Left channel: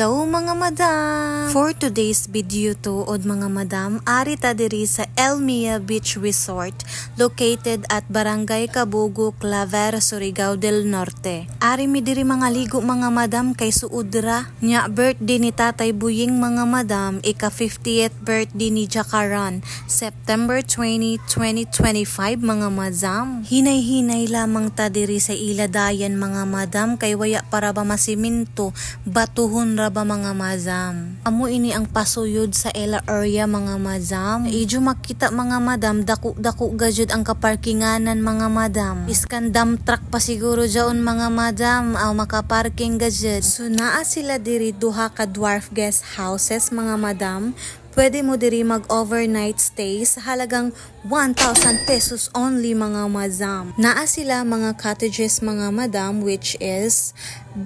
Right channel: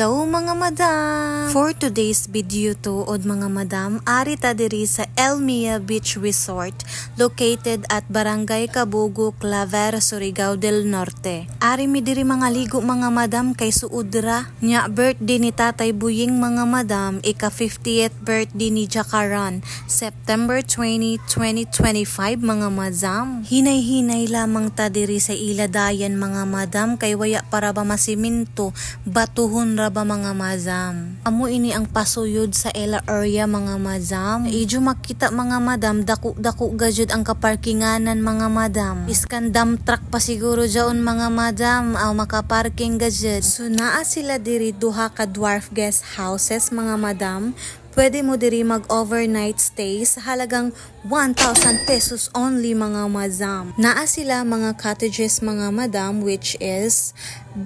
Hello mga madam! For today's video tuod mga madam, ari ta diri sa Elmia Beach Resort located at Barangay Kabugo, Claver, Surigao del Norte. Ari mi diri mga ligo mga madam kay suudra nya birthday ni Tatay Buying mga madam, ika 50th birthday ni Jakaran, September 20, 2025 mga madam. Hinay-hinay lamang ta diri sa iladayan mga madam kay waya para ba masiminto, batuhon ra ba mga madam. Amo ini ang pasuyod sa ela area mga madam. Ijo makita mga madam, dako-dako gajud ang kaparkinganan mga madam. Iskan dump truck pa siguro jaon mga madam aw makaparking gajud. So naa sila diri duha ka dwarf guest houses mga madam. Pwede mo diri mag-overnight stay sa halagang 1,000 pesos only mga madam. Naa sila mga cottages mga madam which is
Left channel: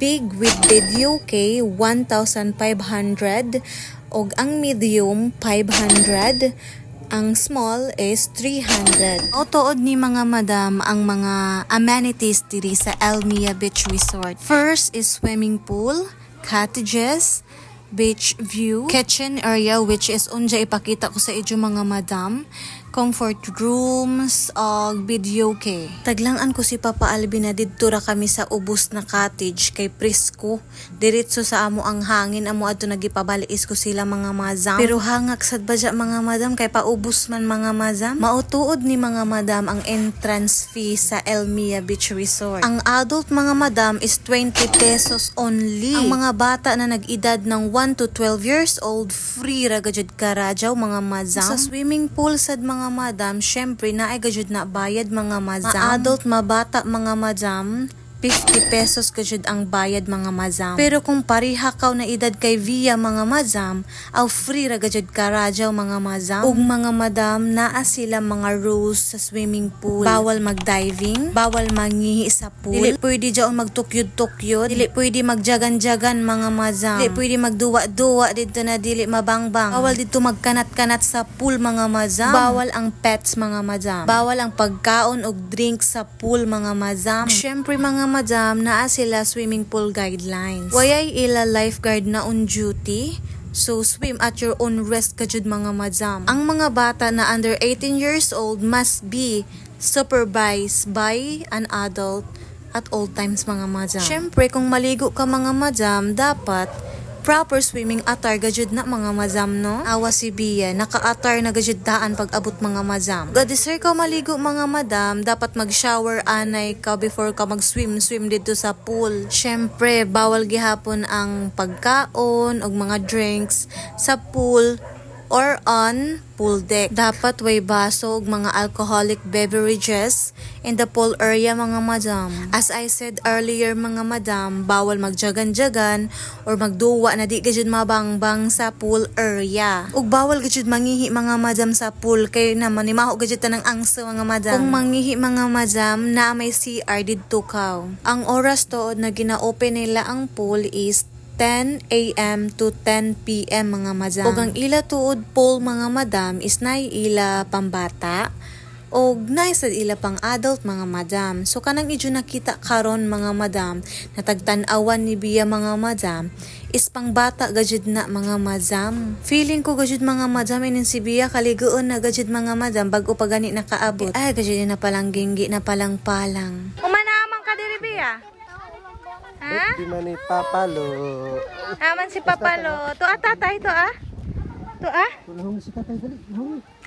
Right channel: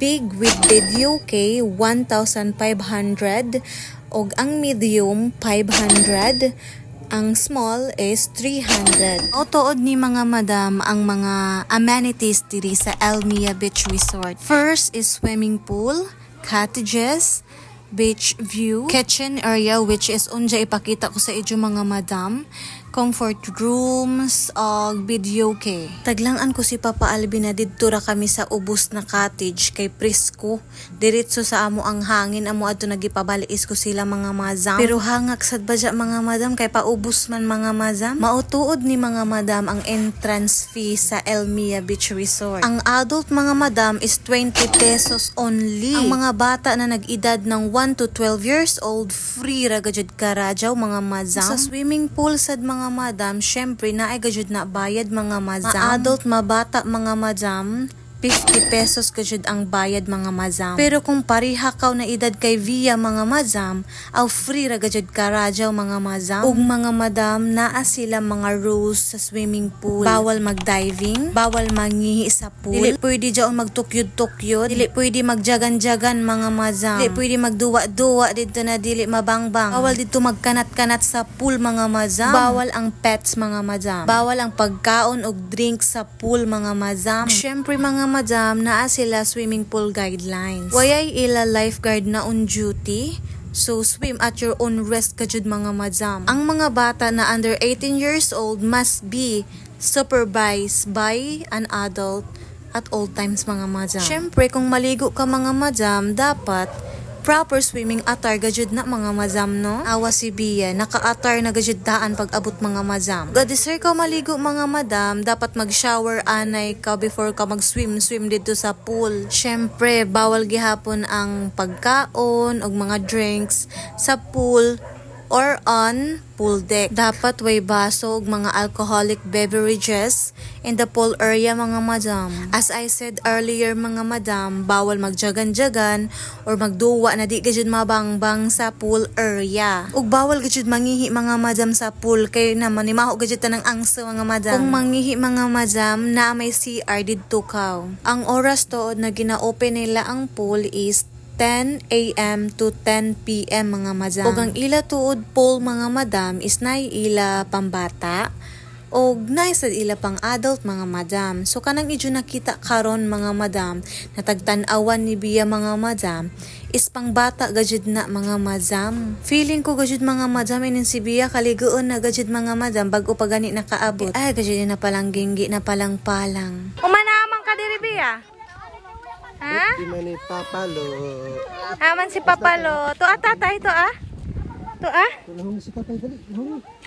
big with video kay 1,500 og ang medium 500. Ang small is 300. Otood ni mga madam ang mga amenities diri sa Elmia Beach Resort. First is swimming pool, cottages, beach view, kitchen area which is unja ipakita ko sa inyo mga madam, comfort rooms, video kay. Taglangan ko si Papa Alvin na didto ra kami sa ubos na cottage kay presko. Diretso sa amo ang hangin, amo adto nagipabaliis ko sila mga madam. Pero hangak sad ba mga madam kay paubos man mga madam. Mautuod ni mga madam ang entrance fee sa Elmia Beach Resort. Ang adult mga madam is 20 pesos only. Ang mga bata na nag-edad ng 1 to 12 years old, free ra gajud karajaw mga madam. Sa swimming pool sad mga madam, syempre na ay gajud na bayad mga madam. Ma-adult, mabata mga madam, 50 pesos gajud ang bayad mga madam. Pero kung pariha kaw na edad kay via mga madam, aw free ra gajud karajaw mga madam. Ug mga madam, naa sila mga rules sa swimming pool. Bawal mag-diving, bawal mangihi sa pool, dili pwede jaon magtukyod-tukyod, dili pwede magjagan-jagan mga madam, dili pwede magduwa-duwa didto na dili mabangbang, bawal didto magkanat-kanat sa pool mga madam, bawal ang pets mga madam, bawal ang pagkaon og drink sa pool mga madam. Syempre mga madam, naa sila swimming pool guidelines. Wayay ila lifeguard na on duty. So, swim at your own risk kajud mga madam. Ang mga bata na under 18 years old must be supervised by an adult at all times mga madam. Syempre, kung maligo ka mga madam, dapat proper swimming attire gajud na mga madam no. Awa si Bia, naka-attire na gajud daan pag abot mga madam. Gadisir ka maligo mga madam, dapat mag-shower anay ka before ka mag-swim dito sa pool. Syempre, bawal gihapon ang pagkaon og mga drinks sa pool or on pool deck. Dapat way baso og mga alcoholic beverages in the pool area mga madam. As I said earlier mga madam, bawal magjagan-jagan or magduwa na di gajud mabangbang sa pool area. Ug bawal gajud mangihi mga madam sa pool kay naman maho gajud tanang angso mga madam. Kung mangihi mga madam, na may CR didto kaw. Ang oras tuod na gina-open nila ang pool is 10 AM to 10 PM mga madam. Og ang ila tuod pool mga madam is nay ila pambata og nay sad ila pang adult mga madam. So kanang idyo nakita karon mga madam na tagtan-awan ni Bia mga madam is pang bata gajud na mga madam. Feeling ko gajud mga madam inin si Bia kaligoon na gajud mga madam bago pa gani nakaabot. Ay gajud na palang ginggi na palang. Umanaman ka diri Bia? Ha? Di man ni Papalo. Aman si Papalo. To tatay to ah. To ah. Tulong si tatay dali.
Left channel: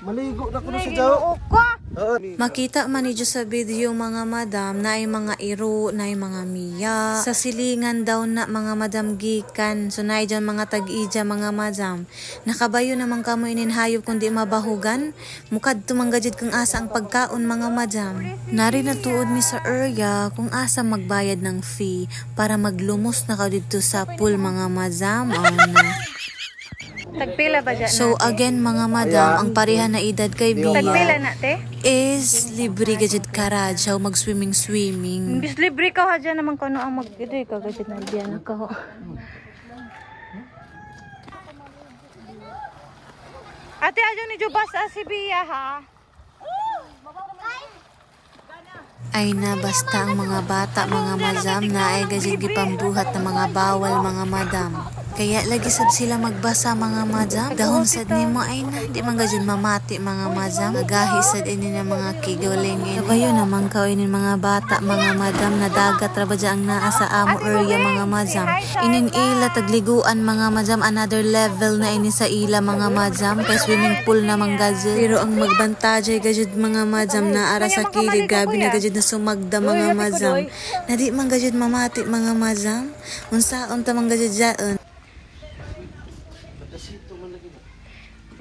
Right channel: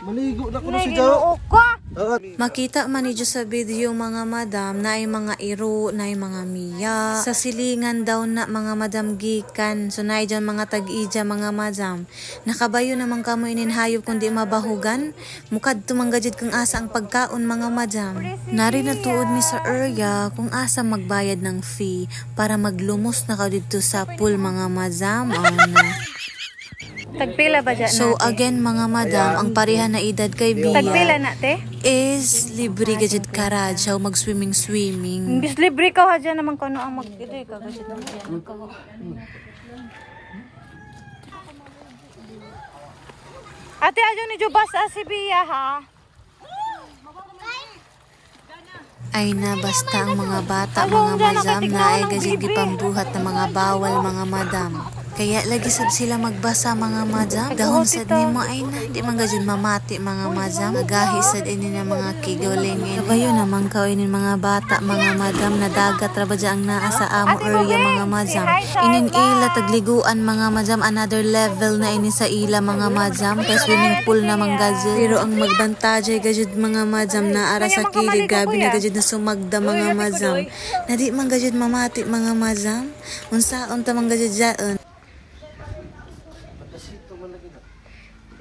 Maligo na ko na si Jaw. Makita man niyo sa video mga madam na ay mga iro, na ay mga miya. Sa silingan daw na mga madam gikan. So na ay dyan mga tag-ija mga madam. Nakabayo naman kamo ininhayop kundi mabahugan. Mukad tumanggajid kung asa ang pagkaon mga madam. Nari na tuod mi sa area kung asa magbayad ng fee para maglumos na ka dito sa pool mga madam. Tagpila ba dyan So again mga madam, ang pareha na edad kay Bia Tagpila na te? is libre gajud karajaw mag-swimming. Bis libre ka ha dyan naman kano ang mag-idoy ka gajud na dyan ka. Ate adyo ni Jubas si Bia ha? Ay na basta ang mga bata mga madam na ay gajud gipambuhat na mga bawal mga madam. Kaya lagi sab sila magbasa mga madam. Dahon sad nimo ay na. Di man gajud mamati mga madam. Nagahi sad ini na mga kigolingin. Kabayo naman ka ini mga bata mga madam na dagat ra ba ang naa sa amo area mga madam. Inin ila tagliguan mga madam, another level na ini sa ila mga madam. Kay swimming pool na mga gajud. Pero ang magbantajay gajud mga madam na ara sa kilid, grabe na gajud na sumagda mga madam. Na di man gajud mamati mga madam. Unsaon ta man gajud dyan.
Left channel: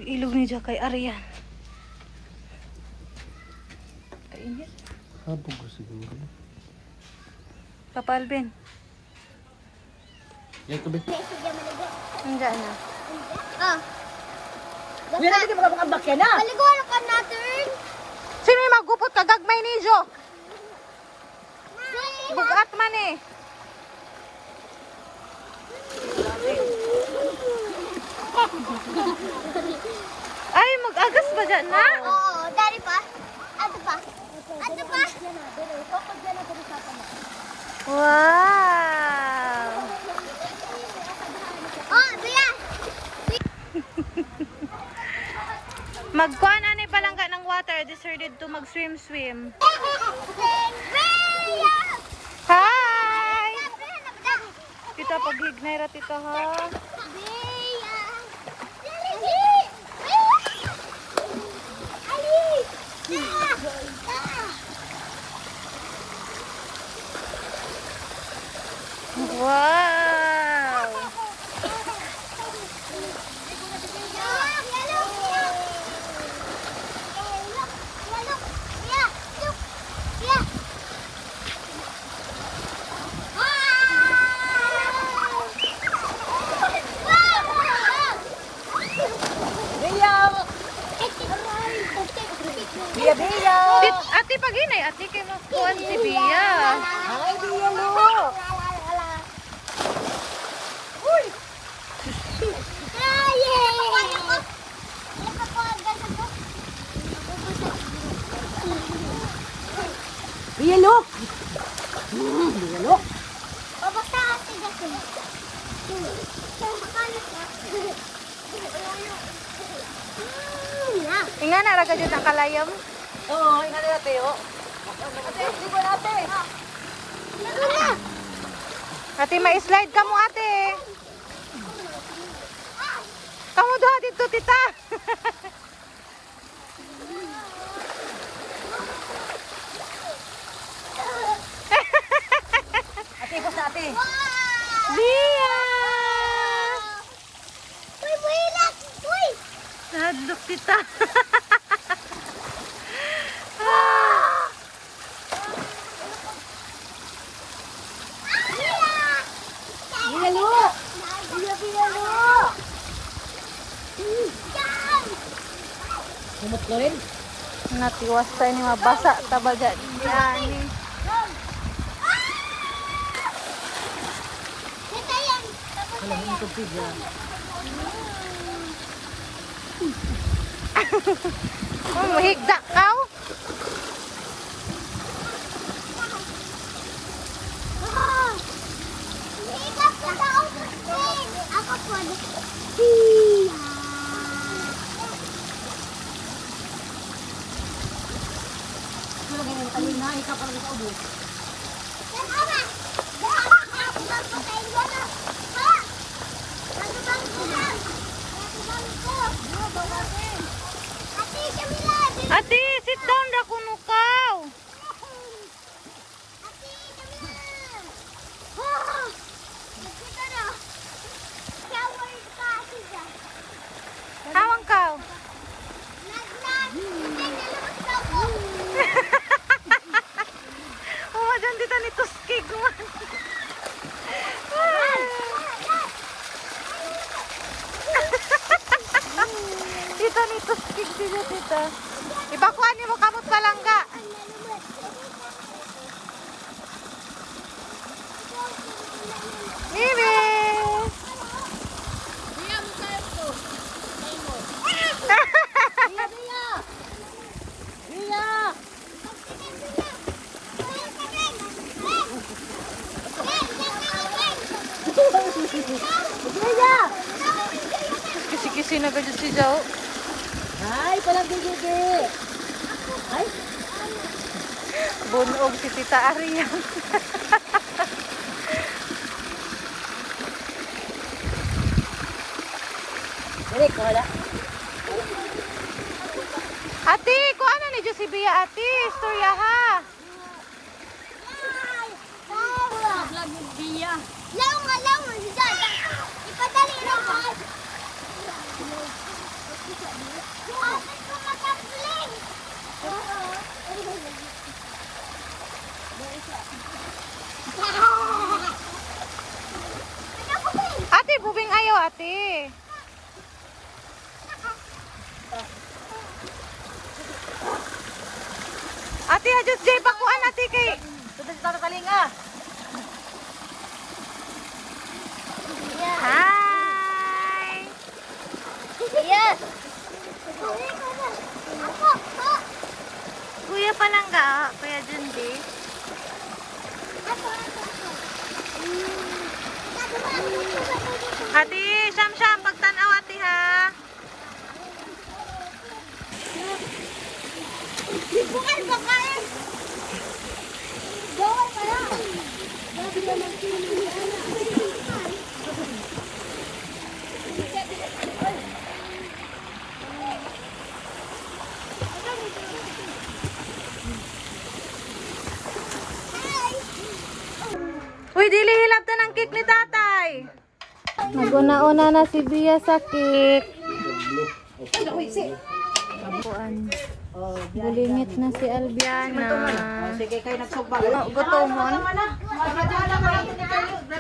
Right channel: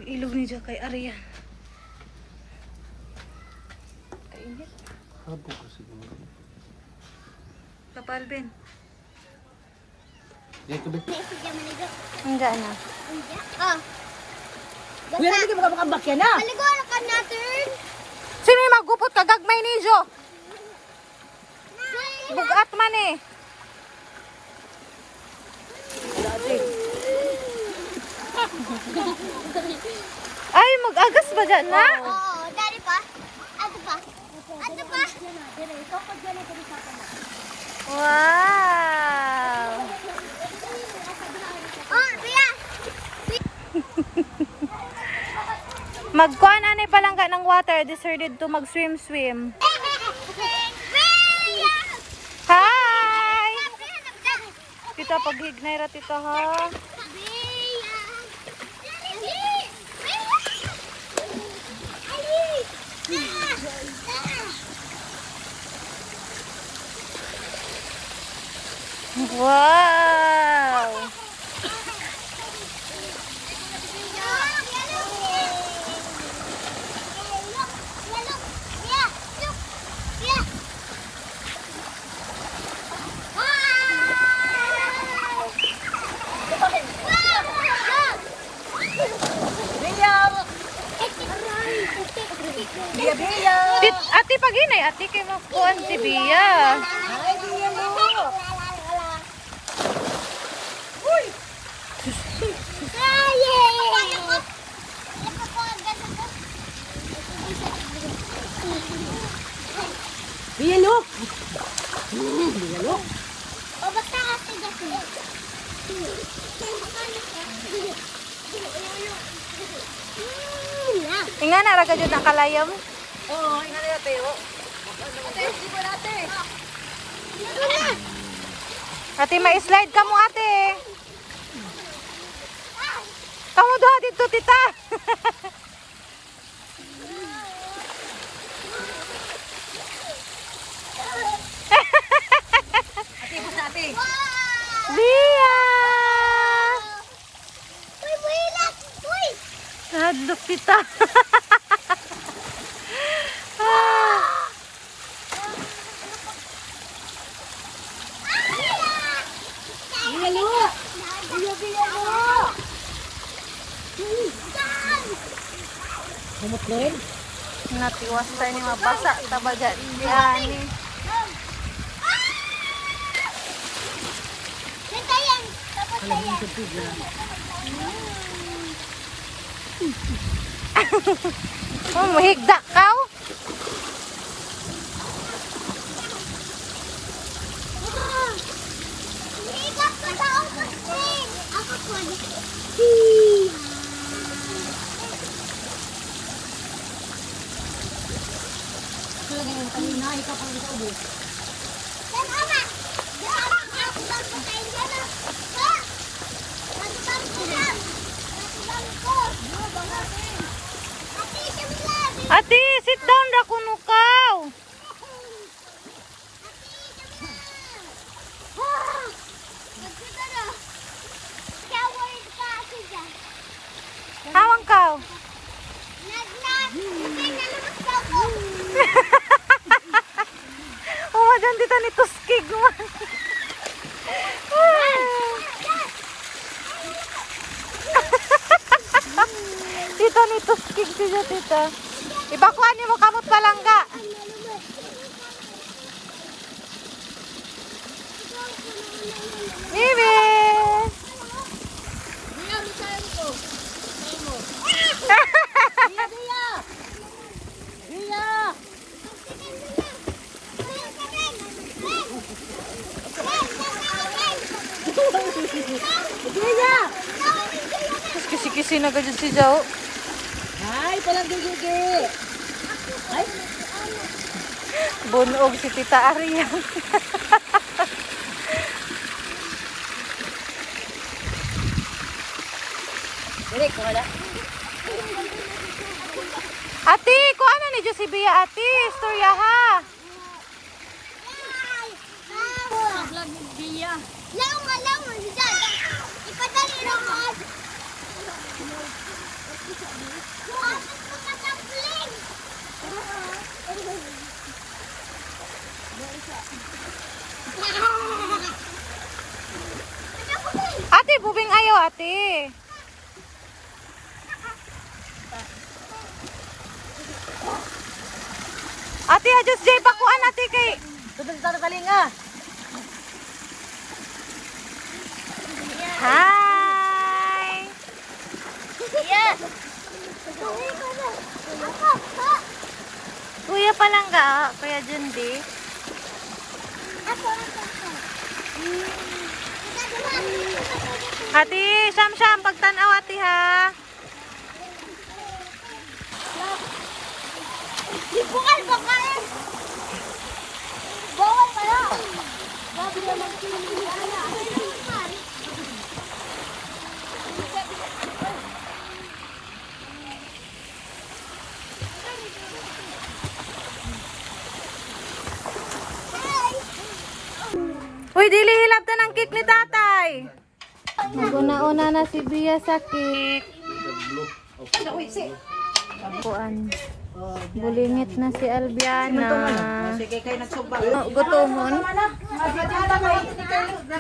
Ilog ni dyan kay Arian. Kainit. Papa Alvin. Hangga na. Wala lagi makabakabak yan na. Paliguan ka natin. Sino yung magupot ka? Gagmay ni Jo. Bugat man eh. Ay, mag-agas ba dyan na? Oo, dari pa. Ato pa. Ato pa. Wow! Oh, Bia. Magkuhan ani palangga ng water. Decided to mag-swim-swim. Hi! Tita, paghignay ra tita ha. Wow! Ate paginay, ate kay makuan si Bia. Bia, look. Bia, look. Pabata ate gasin. Inga na raga jud nakalayam. Oo, ingat na tayo. Ate, subo natin. Ate, ma-slide ka mo ate. Kamu doha dito tita. Ate, basta ate. Bia! Uy, buhilat! Uy! Hadlok tita. Bia, look. Bia, look. Humot ko rin. Natiwas tayo ni mabasa tabaga diani. Natayan! Alam mo ito, Bia. Mahigda ka? Higap ka sa upos din! Ako po. Hiya! Kanina, ikaw parang sa ubo. Yan, Oma! Daan ako ng pagkain dyan, ha? Nagubang ko lang! Nagubang ko! Nagubang Ate, Camila! Ate, sit down ra kuno kaw. Ate, Camila! Nagkuta na! Shower ka, ate dyan! Hawang kaw. Naglag! Hindi, nalabas ka ako! Oh, dyan dito ni Tuskig man. Tita ni Tuskig siya tita. Ibakuan niyo mo kamot palangga. Bibi! Mas kisi-kisi na gadyo si Jao. Ay, palang gigi. Ay. Bunog si Tita Arian. Ini ko wala. Ate, kung ano ni Josibia, ate? Istorya ha. Vlog ni Bia. Lawa, si Dada. Ipadali naman. Asan ko matapling? Ate, bubing ayaw, ate. Ate, adjust jay pakuan, ate, kay... Tudog ta kalinga. Hi! Yes. Kuya Palangga, Kuya Jundi. Ate, syam-syam, pagtanaw, ate, ha? Bukal. Bawal pala. Uy, dili hilap ta ng cake ni tatay. Naguna-una na si Bia sa cake. Kuan. Bulingit na si Albiana. Sige kay nagsugba. Gutomon.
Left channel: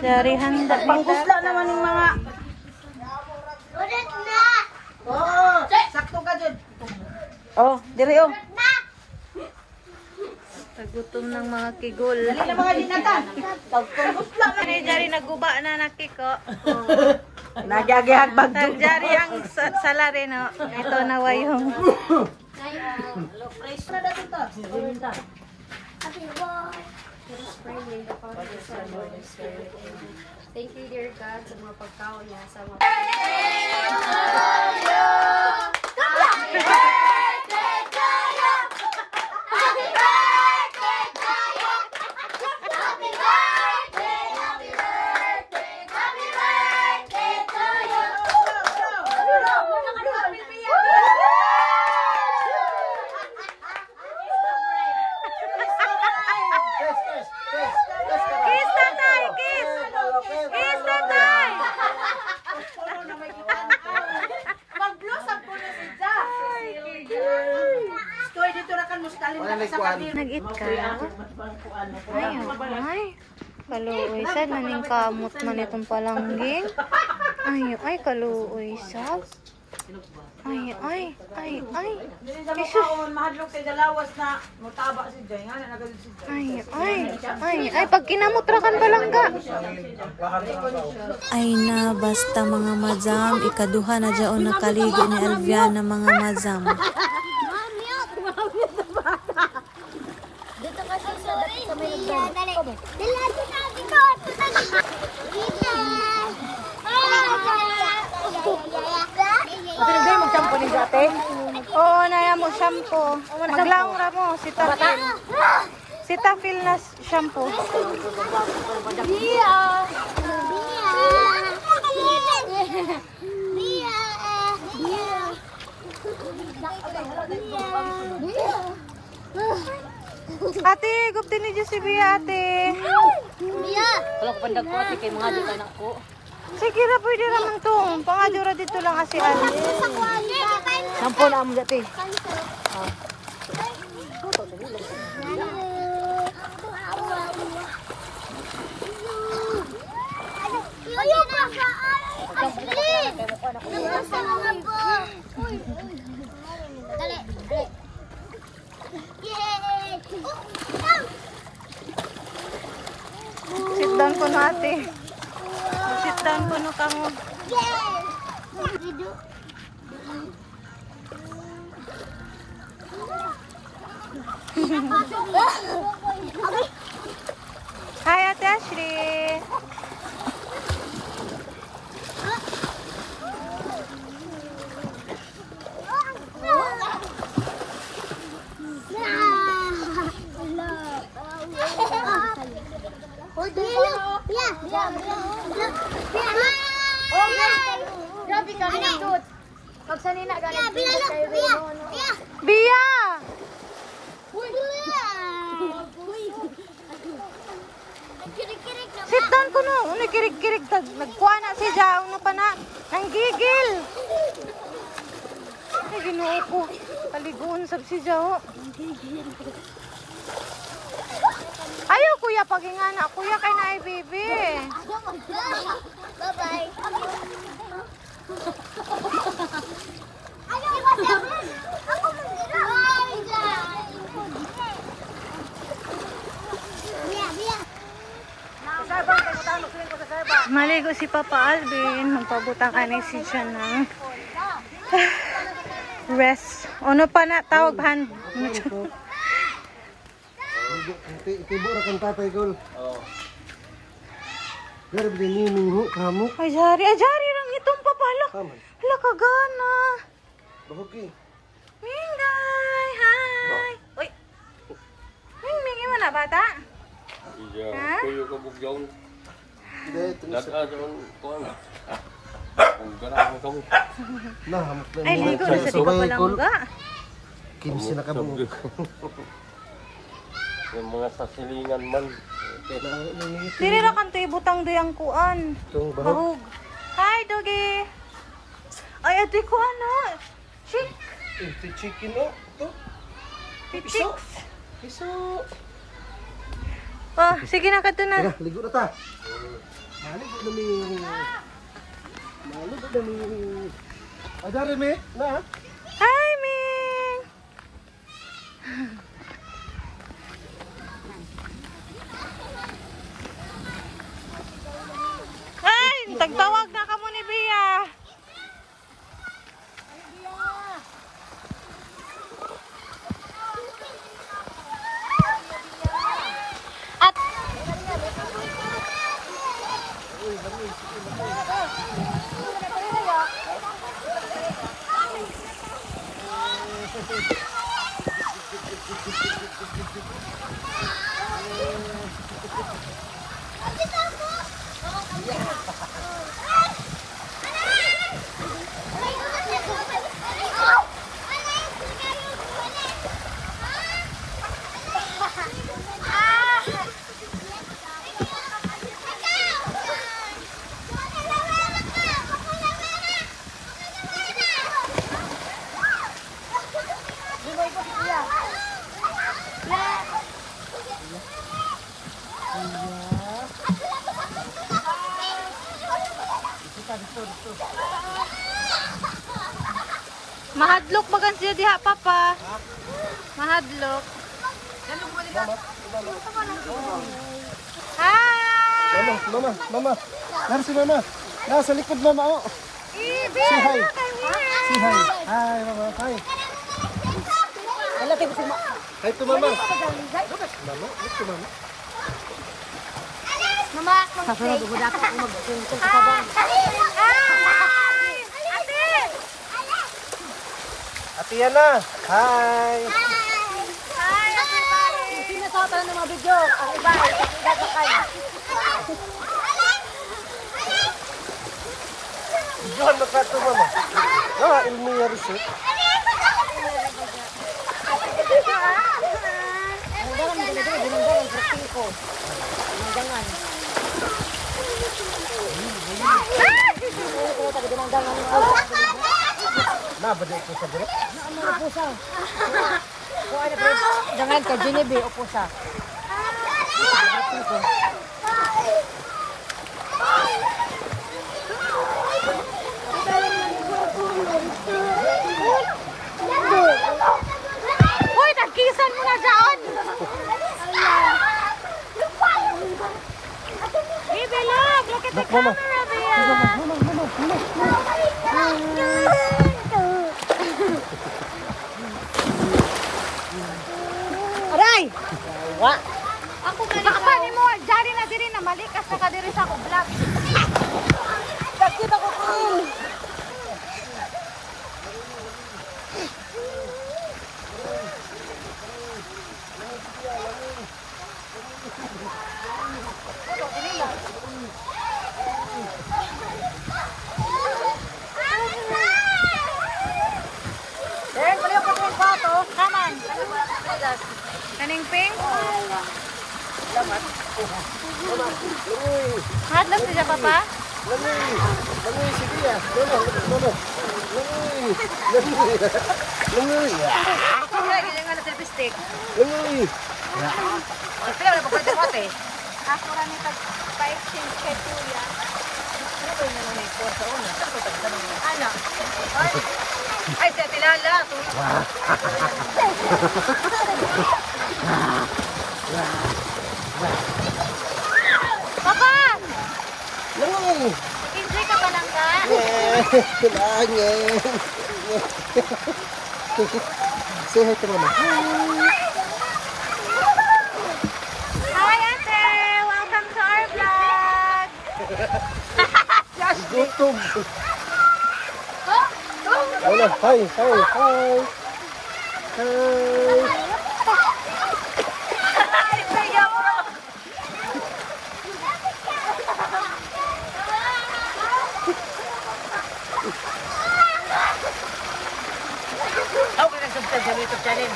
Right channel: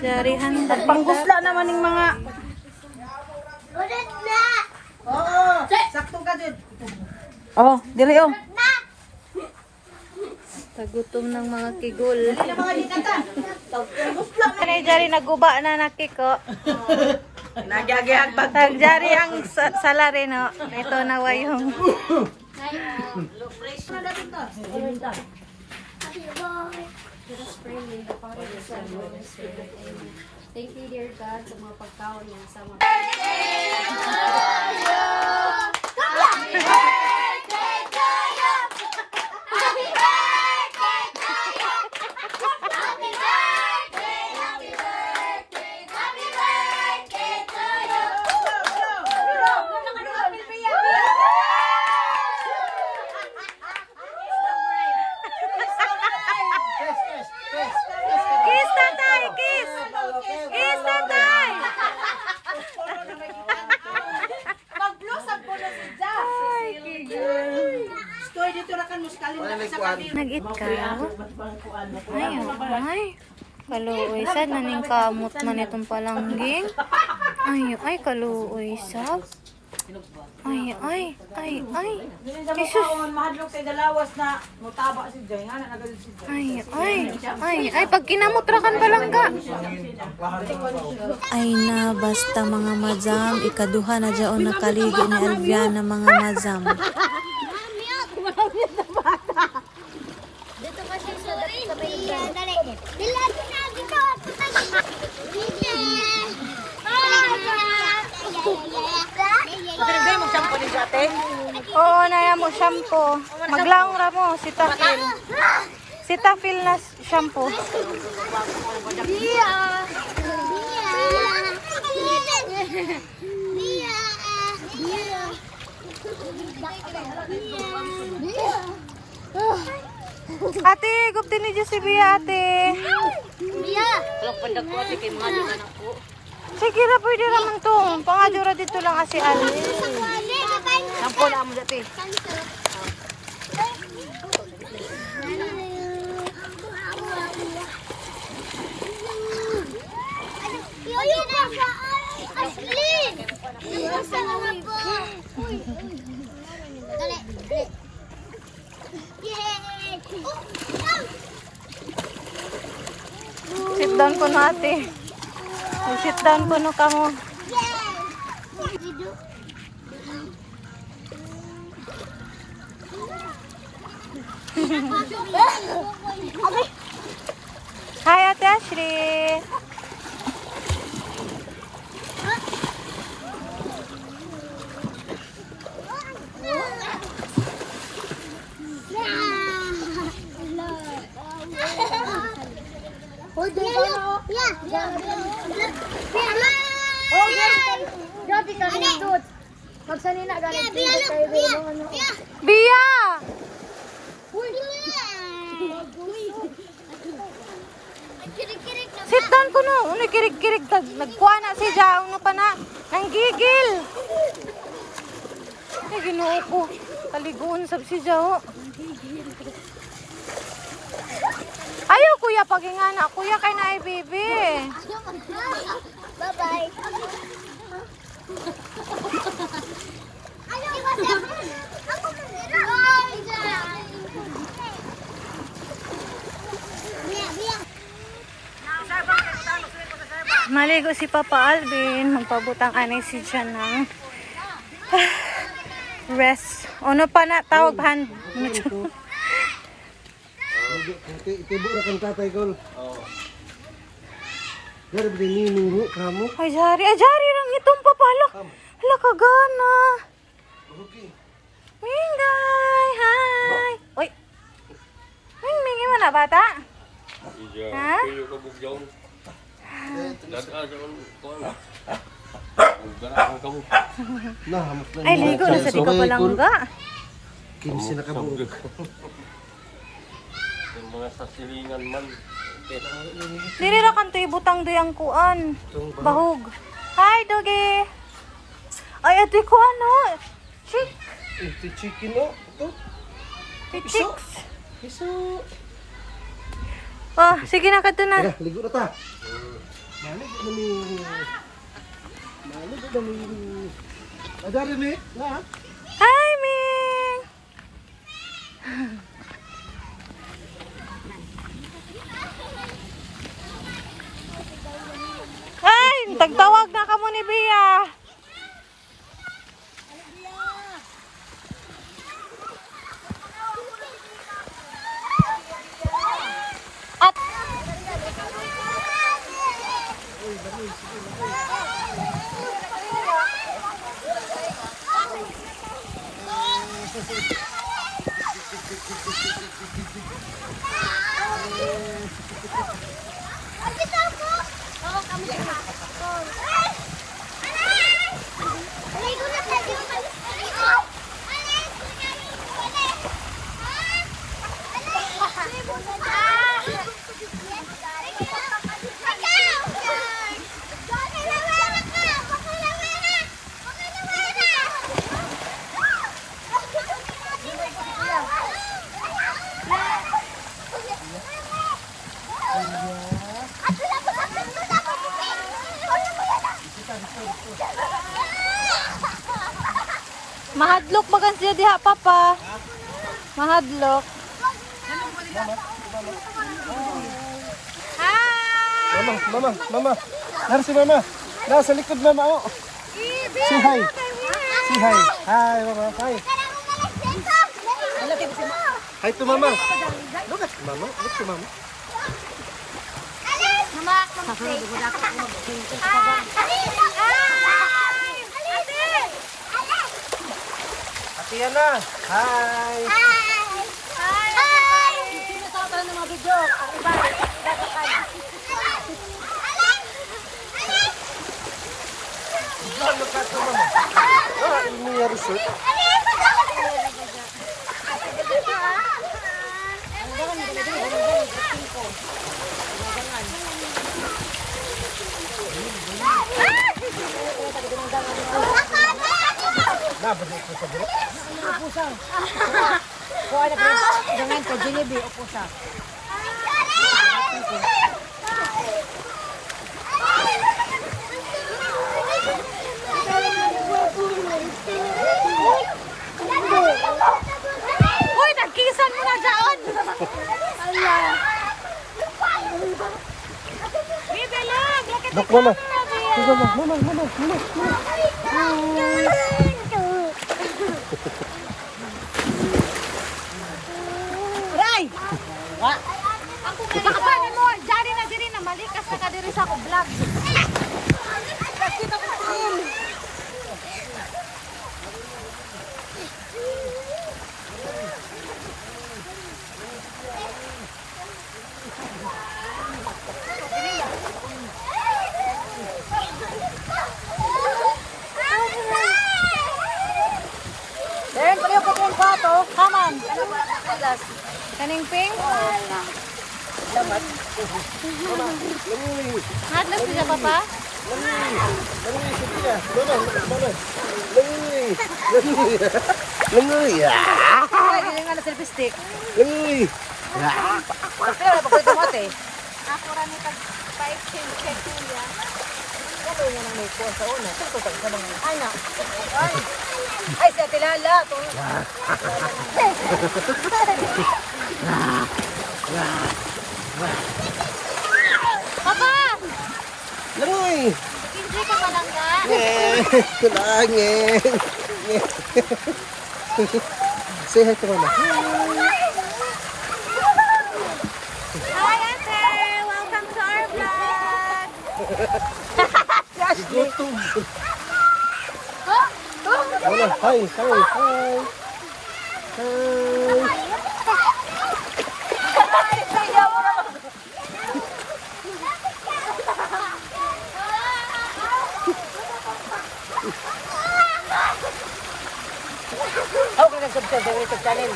Dari handa ni tatay. Naman yung mga Ulit na. Oo, sakto ka jud. Oh, dire oh. Tagutom ng mga kigol. Mga linatan. Jari naguba na na cake, oh. Nagyagihag bag. Tagjari ang salary, no? Ito na yung... Thank you, dear God, sa mga pagkaon niya sa mga... Kiss, tatay! Kiss! Kiss, tatay! Stoy dito ra kan muskalin na sa padir. Nag-eat ka? Ay, ay. Kaluoy sad naning kamot man itong palangging. Ay, kaluoy sad. Ay. Jesus. Mahadlok kay dalawas na mutaba si Jay nga nagalit si Jay. Ay, pag kinamutrakan palangga. Ay na, basta mga madam, ikaduha na dyaon nakaligo ni Alviana mga madam. Dito kasi sa may dali. Bilado na dito. Hindi mo shampoo ni Jate. Oo, naya mo shampoo. Maglaong ra mo, Cetaphil. Cetaphil na shampoo. Bia. Ate, gupti ni Diyos si Bia, ate. Kalok pandag ko ati kay mga anak ko. Sige ra, pwede naman to. Pangadura dito lang kasi Ali. Ampo na mo Jate. Ayaw pa sa Aslin! Ayaw sa mga po! Dali! Yay! Sit down ko na, ate. Sit down ko na ka mo. Hi, Ate Ashley. Grabe ka nindot. Magsanina ka nindot kayo Bia! Sit down ko no. Ano kirig-kirig. Nagkuha na si Jaong na pa na. Nanggigil. Ay, ginoo ko. Kaliguan sab si Jao. Ayaw kuya pagingana. Kuya kay na ay baby. Bye-bye. Maligo si Papa Alvin. Magpabutang anay si Jan ng rest. Ano pa na tawag hand? Itibo na kang tatay ko. Pero binining ho, kamu. Ay, Jari. Ay, Jari lang itong papalak. Hala, kagana. Mingay, hi. Uy. Mingi mo na, bata? Ha? Ay, ligo na sa di ka palangga. Kimsi na kabog. Yung mga sasilingan man. Diri ra kanto ibutang doy ang kuan. Bahog. Hi, Dogi. Ay, ito ko ano. Chick. Ito chicken o. Ito. Chicks. Piso. Oh, sige na kato na. Tara, ligo na ta. Maligo na mi. Maligo na mi. Adari mi. Na. Hi, Ming. Ay, tagtawag na ka mo ni Bia. At mahadlok bagan siya diha, Papa. Mahadlok. Hi! Mama. Nara si mama. Nasa likod mama o. Bia, Say hi. look, I'm here. Say hi. Hi mama. Hi. Hi to mama. Mama, look to mama. Hi! Ate! Ate Yana. Hi. Hi, everybody! Ah, Ilmiya Resort. Ito, ah. Nabada ko sa dire. Jangan ka Genevieve upo sa. Uy, nagkisan mo na dyan! Baby, look at the Mama. camera, Bia! Mama. Aray! Baka ni mo, jari na diri na malikas na ka diri sa ako vlog. Sakit ako to. Kaning pink? Mama, langoy. Hadlok siya, Papa? Langoy. Langoy si Tia. Mana? Langoy. Langoy. Langoy. Ay, nga na selfie stick. Langoy. Pero pagkita mo ate. Ako rin ay pa-exchange kay Kuya. Ano niya nang may sa una? Sa ito sa bang anak. Ay, sa tilala to. Papa! Langoy. Nag-enjoy ka pa lang ka? Kulangin. Say hi to Mama. Hi, Ate! Welcome to our vlog! Gutom. Wala, hi. Ako ka nag-subscribe sa YouTube channel.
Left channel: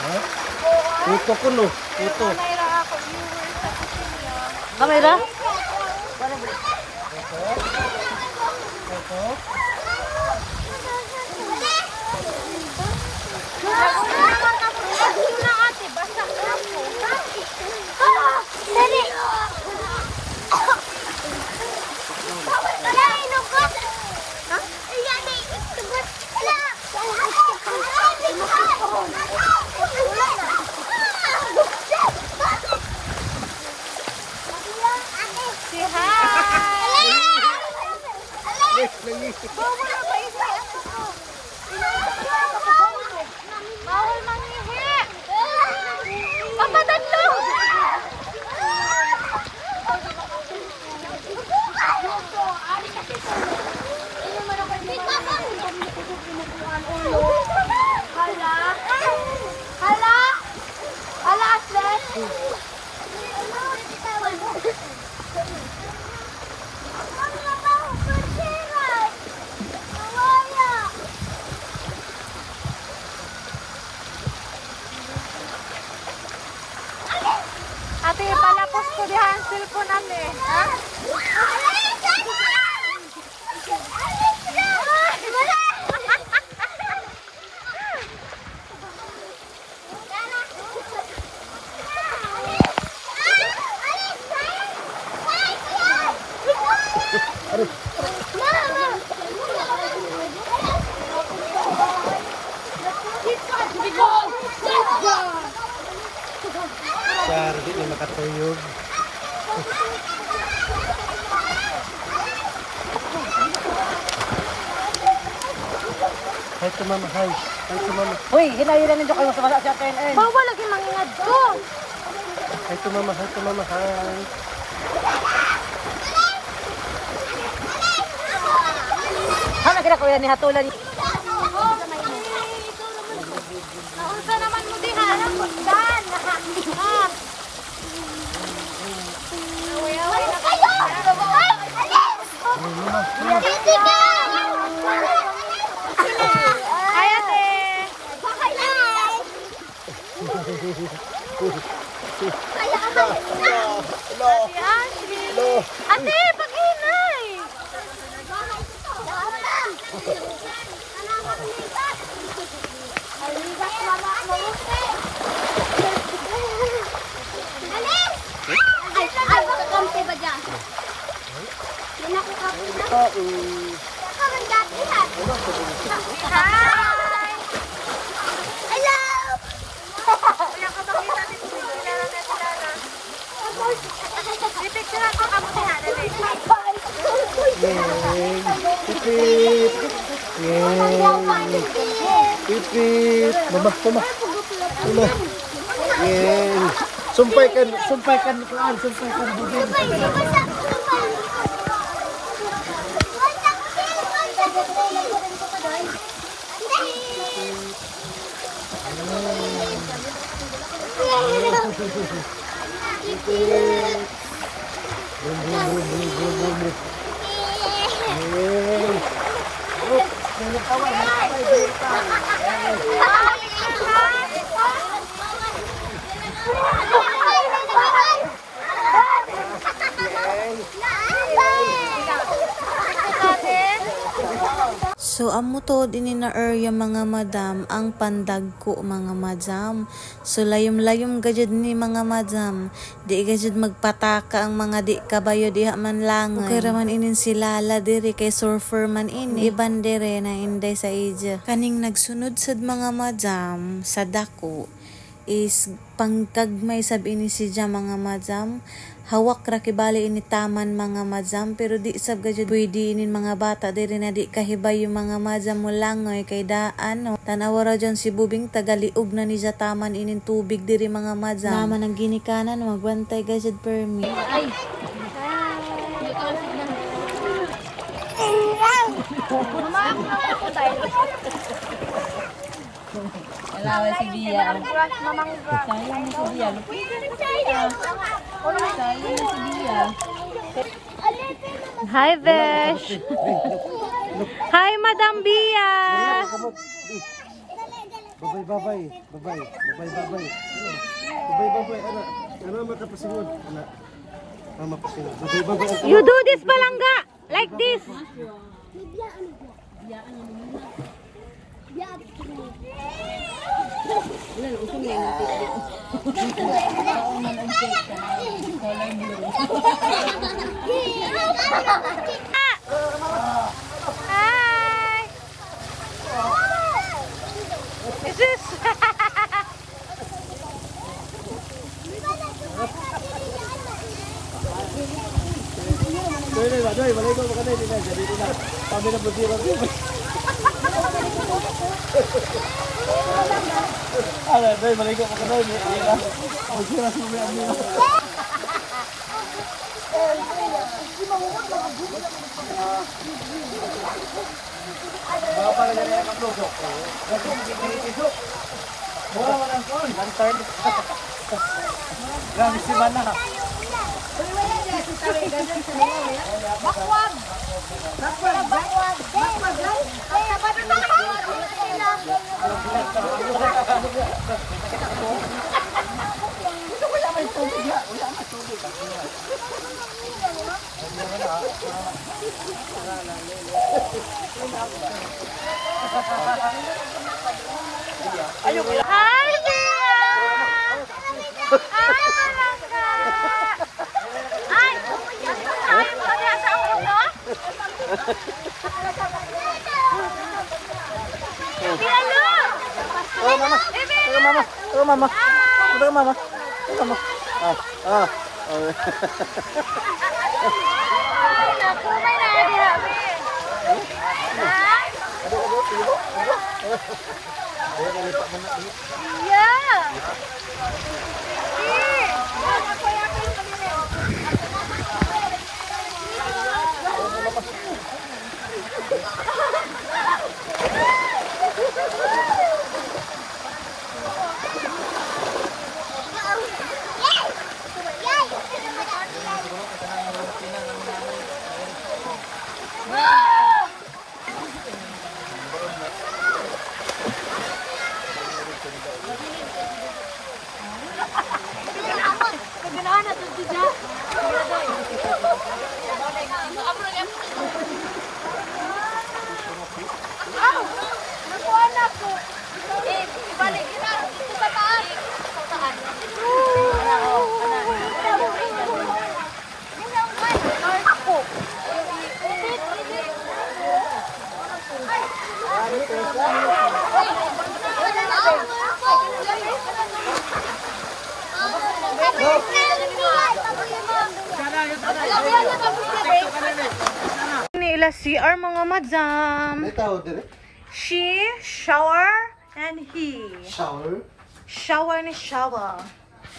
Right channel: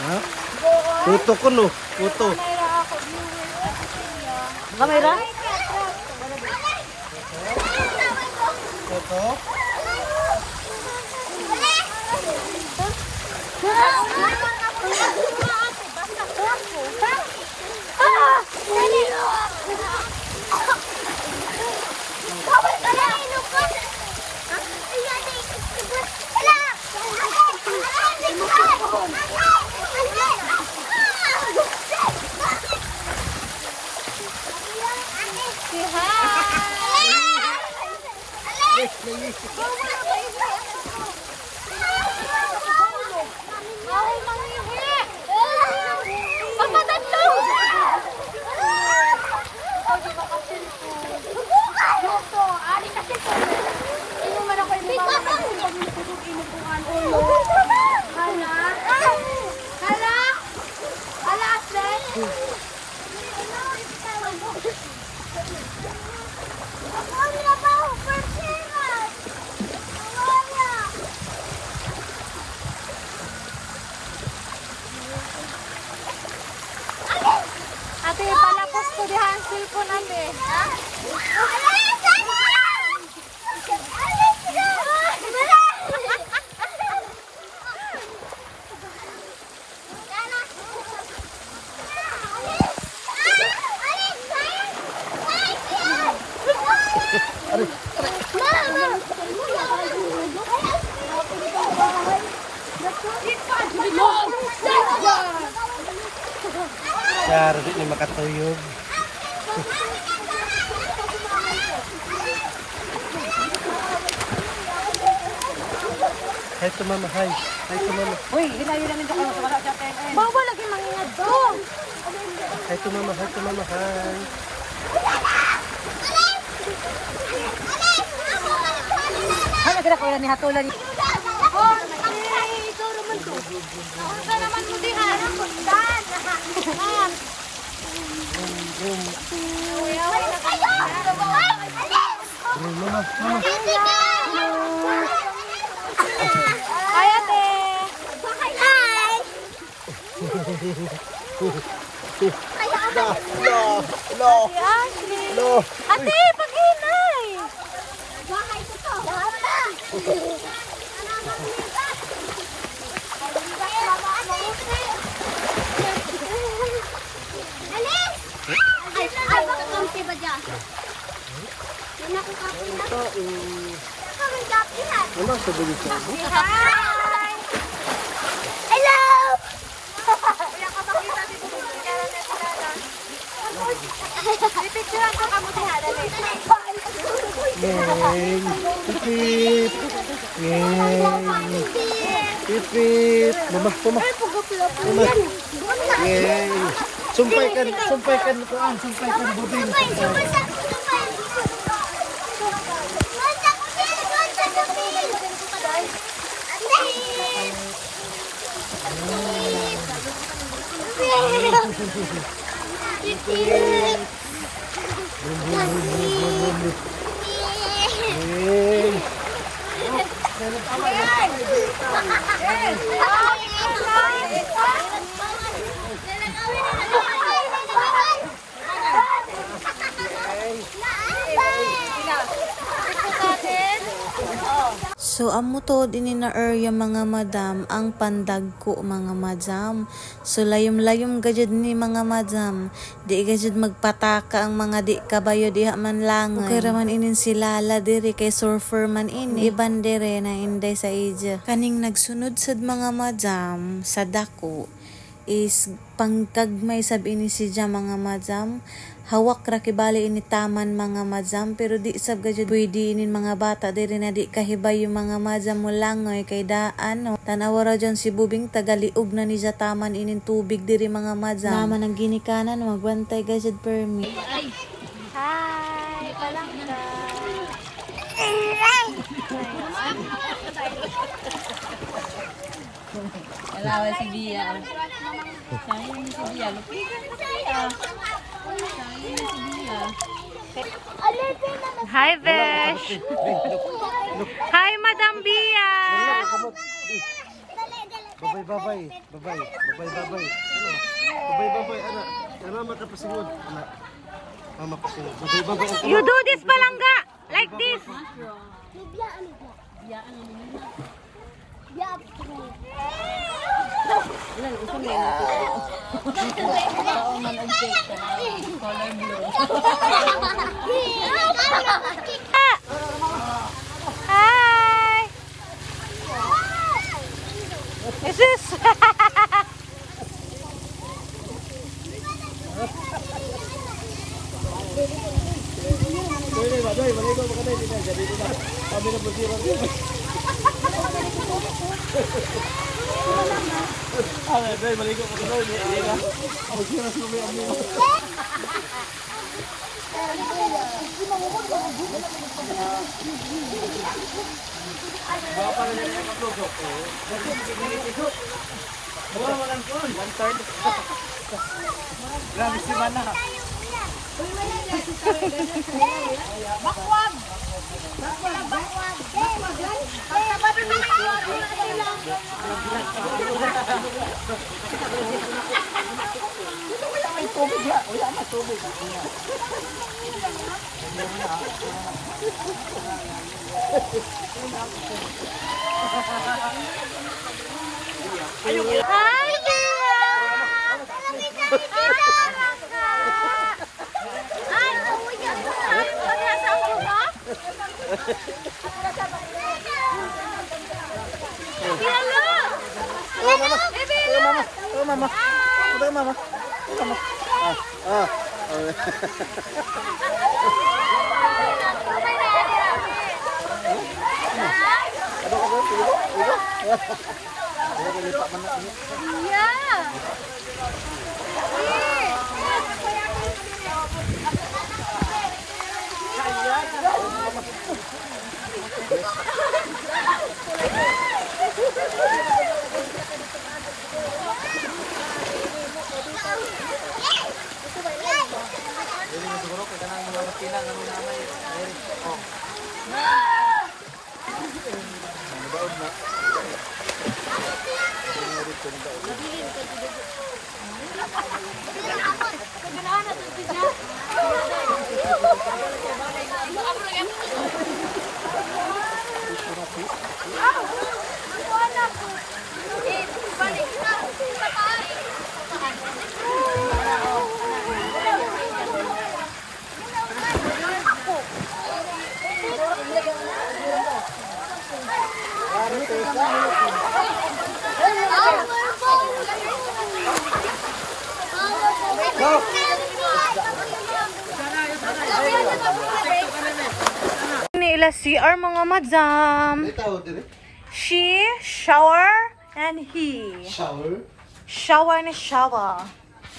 Ha? Puto ko no. Puto. Mayra ako, viewers sa kusina. Kamera? Puto. Nauna naman ka mo sa kusina, ate. Basta ako. Dali! Bawal ka na, inom ko. Wala na, itubot. Wala! Say hi! Bawal na ba ihi? Bawal mangihi! Papadadlo! Ate, palapos ko dihan ang cellphone ate. Siya, di ni makatuyog. Hi to Mama, hi. Hi to Mama. Uy, hinahiran nito kayo sa wala sa PNN. Bawal lagi mangingad ko. Hi to Mama, hi to Mama, hi. Hana kira ko yan ni hatulan. Naunsa naman mo diha? Ha? Away-away na ko diha. Mama. Hi ate. Ate Ashley. Ate, paghinay. Bahay ko to. Ay, kampi ba dyan? Yan ako kapi na. Kamang dati ha. Hi. Hello! Wala ka makita dito may kilala na kilala. Pipicturean ko kamo diha dali. Yay! Pipip! Yay! Pipip! Mama. Yay! Sumpay kan kuan, sumpay kan budin. Bum. Yay! So, amo to din na area mga madam, ang pandagko mga madam. So, layom-layom gajud ni mga madam. Di gajud magpataka ang mga di kabayo diha man langoy. Okay raman inin si Lala diri kay surfer man ini. Iban dire na inday sa ija. Kaning nagsunod sad mga madam sa dako is pangkagmay sab ini si ja mga madam. Hawak ra kibali ini taman mga madam, pero di sab gajud pwede inin mga bata diri na di kahibay yung mga madam mo langoy kay daan no. Tanawa ra dyan si Bubing tagaliog na ni sa taman inin tubig diri mga madam. Naman ang ginikanan magbantay gajud permi. Ay. Alawan si Dia. Sayang si Dia. Hi, Besh. Hi, Madam Bia. Babay. Babay, anak. Ano makapasingod, anak? Mama pasingod. Babay. You do this, Palangga. Like this. Hi. Is this? Doy, baligo mo kanay din jadi na. Sabi na butiro. Ay, doy, baligo mo kanay din. Ay, sira sa mga. Hi, Bia! Hi, Palangga! Ay! Ay, pagla sa ulo mo? Pinalo! Mama. Aduh, pigo. Saya lipat mana ini? Iya. Ila CR mga madam. She shower and he shower ni shower.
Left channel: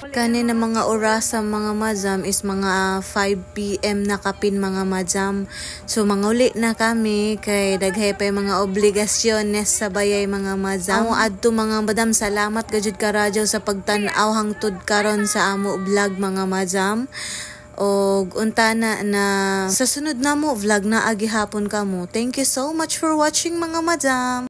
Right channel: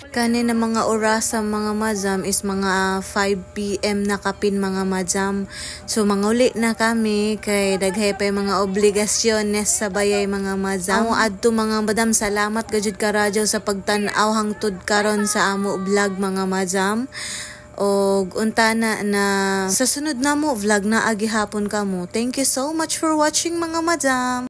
Kani na mga oras sa mga madam is mga 5 PM na kapin mga madam. So manguli na kami kay daghay pa mga obligasyones sa bayay mga madam. Amo adto mga madam, salamat gajud ka radyo sa pagtan-aw hangtod karon sa amo vlog mga madam. Og untana na sa sunod na mo vlog na agihapon kamo. Thank you so much for watching mga madam.